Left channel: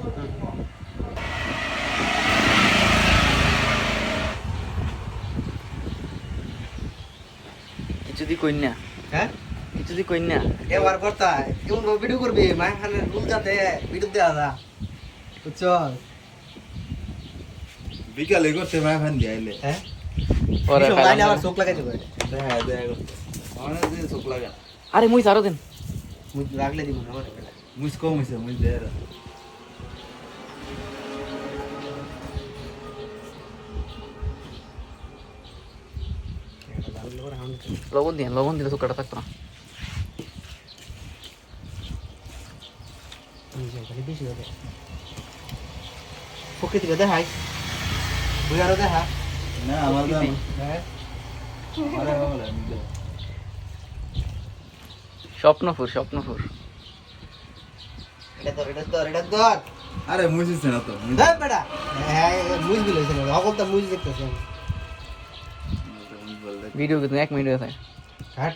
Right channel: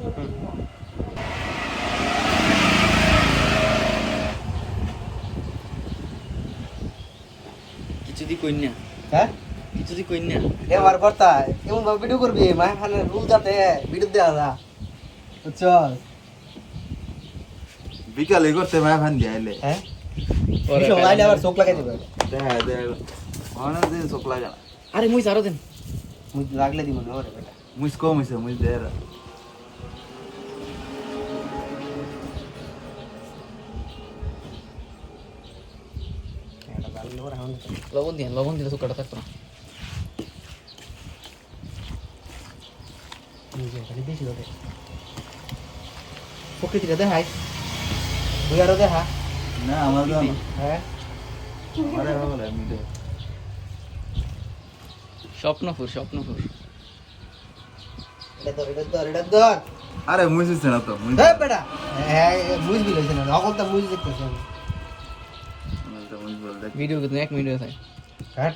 কিছু দি কই না হ্যাঁ কিছু দি কই না এবার করতা কেমন ভাবে ভিডিও করবি মা খানে রুল যাতে ভিডিও দেওয়া যা চল বিকালে করতে মায় ভান দিয়াইলে হ্যাঁ পরে লাইলে আবার চোখ লাগাই দেবে হ্যাঁ দে অনেক দিন চোখ লাগা আরে মুই আরো দেন মুই লাগলে দিব ধরে বেটা মুইস কম হইছে মুইস দে এটা লাগলে ওরা হাউন লবণ দিলে সুকাটা থাকতো না নিজে খালি বেশি হবে প্রকৃতিটা দেখাই তুই আরো দেখা না আমাদের হ্যাঁ আরে বাবা আমি দে স্বপ্নপুর এটা ধর আরে মুইস না তো মুইস দেখ বেটা হ্যাঁ মুজ গিল না অকলটা মুজ দেখতেছেন মুইস বল দে ভিডিও কিন্তু 1 মিনিট হয়ে যায় হ্যাঁ